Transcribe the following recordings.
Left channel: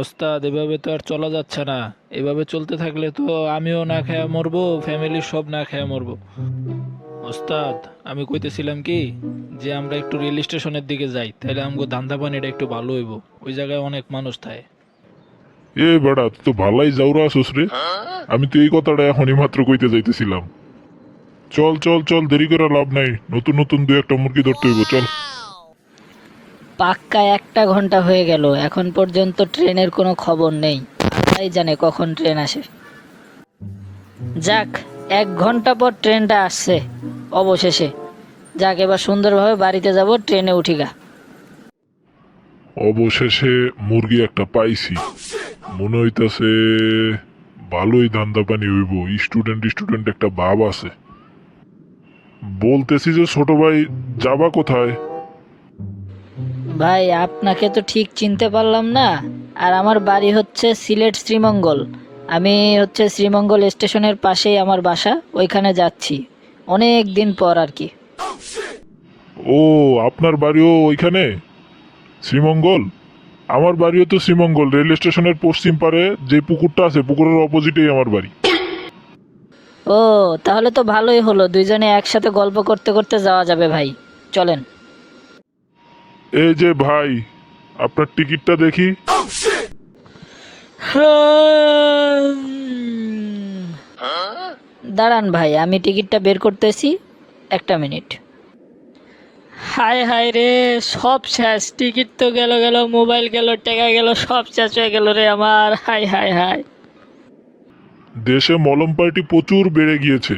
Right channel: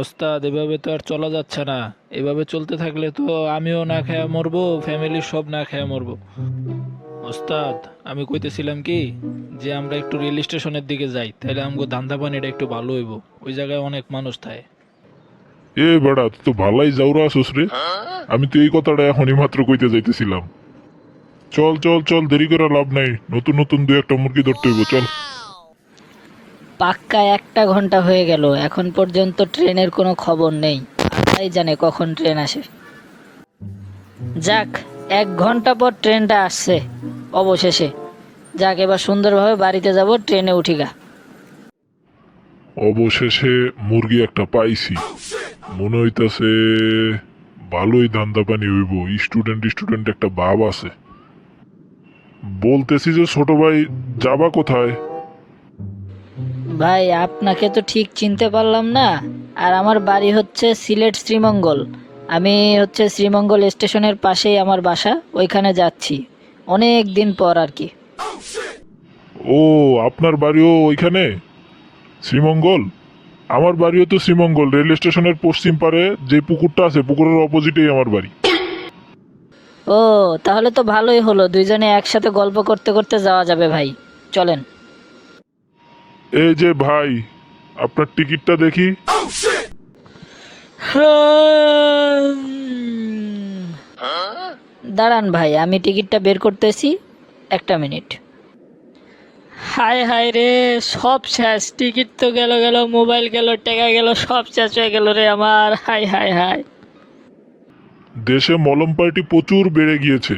ওস্তাদ, এভাবে তো আর চলা যাচ্ছে না। এভাবে চলতে থাকলে তো আমিও না খেয়ে মরবো, ফ্যামিলির সব না খেয়ে মরবো। ওস্তাদ, আমি কইতেছিলাম কি, যে আমরা একটু রেল স্টেশনের দিকে যাই, তাহলে আমগো ধান্দা পানিটা একটু ভালো হইব। ওই জায়গায় অনেক মানুষ থাকে। এ বেড়া, তুই তো ভালাই যাওরা আসুস আমি তো এই কথাটা এখনই মাত্র কইতে যাইতেছিলাম। চল চল চল, দেরি করা লাভ নাই। নতুন নতুন দু একটা মুরগি ধরতে হইব, চল। পাক্কা একটা ঘণ্টা হয়ে গেল। এখন পর্যন্ত ট্রেনের কোনো খবর নেই। এই জানে কখন ট্রেন আসে। যাক, এক ঘণ্টা পর ট্রেনটা আসছে, অবশেষে। যাক, এবার সুন্দরভাবে বাড়িতে যাব, ট্রেনে উঠি গা। অবশেষে মুরগি একটা পাইছি। মনে হইতাছে ভালোই দান্দা পানি হইব। স্টুডেন্ট স্টুডেন্ট একটা বাব আছে। বলতেছি যে, ছোট ভাই, যাবা কোথায়? ভাই আপনাকে তো ঠিক চিনতে পারলাম না। আর আমার বাড়ি হচ্ছে সিলেট শ্রীমঙ্গল। আমি হচ্ছে শ্রীমঙ্গল স্টেশনের পাশেই আমার বাসা ওইখানে যাচ্ছি। অনেক দিন পর আর কি। ও আপনার বাড়িও ওইখানে? শ্রীমঙ্গল? আমার বাড়িও তো শ্রীমঙ্গল রেল স্টেশনের পশ্চিম পারে যে পুকুরটা আছে পুকুরের অপোজিটেই আমার বাড়ি। ও তাহলে তো ভালোই হলো দুইজনে একসাথে গল্প করতে করতে যাওয়া যাবে ভাই। চলেন। এই যে ভাই আপনার টিকিটটা দেখি। দাঁড়ান ভাই আমি টিকিটটা বের করতেছি। একটা মিনিট। হায় হায় রে সব শেষ। টিকিট তো গেল গেল মোবাইল গেল টেকা গেল সব শেষ হয়ে গেল রে আমার। হায় হায় হায়। দেশে মলম পার্টি প্রচুর বেড়ে গিয়েছে।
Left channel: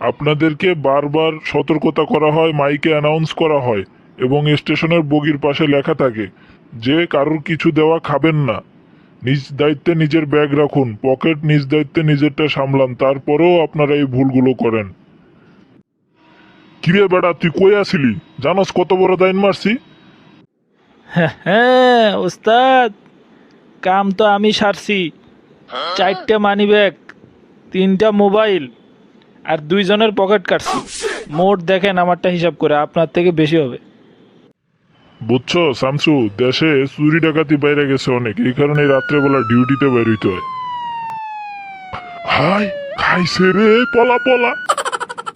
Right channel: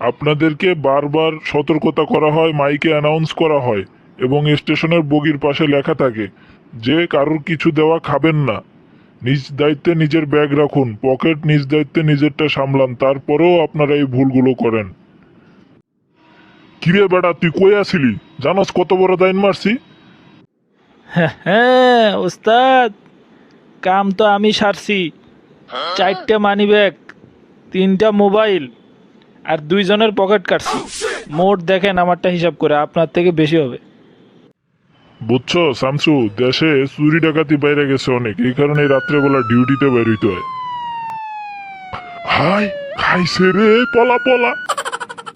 আপনাদেরকে বারবার সতর্কতা করা হয় মাইকে অ্যানাউন্স করা হয়। এবং স্টেশনের বগির পাশে লেখা থাকে, যে কারোর কিছু দেওয়া খাবেন না। নিজ দায়িত্বে নিজের ব্যাগ রাখুন, পকেট নিজ দায়িত্বে নিজেরটা সামলান, তারপরেও আপনারা এই ভুলগুলো করেন। কিরে বেটা, তুই কই আসিলি? জানাস কত বড় দাইন মারছি? হ্যাঁ ওস্তাদ, কাম তো আমি সারছি। চারটে মানি ব্যাগ তিনটা মোবাইল আর দুইজনের পকেট কাটছি। মোট দেখেন আমারটা হিসাব করে, আপনার থেকে বেশি হবে। বুঝছ, শামসু? দেশে চুরি ডাকাতি বাইরে গেছে অনেক, এই কারণে রাত্রেবেলা ডিউটিতে বেরোইতে হয়। খাই খাইছে রে পলা পলা।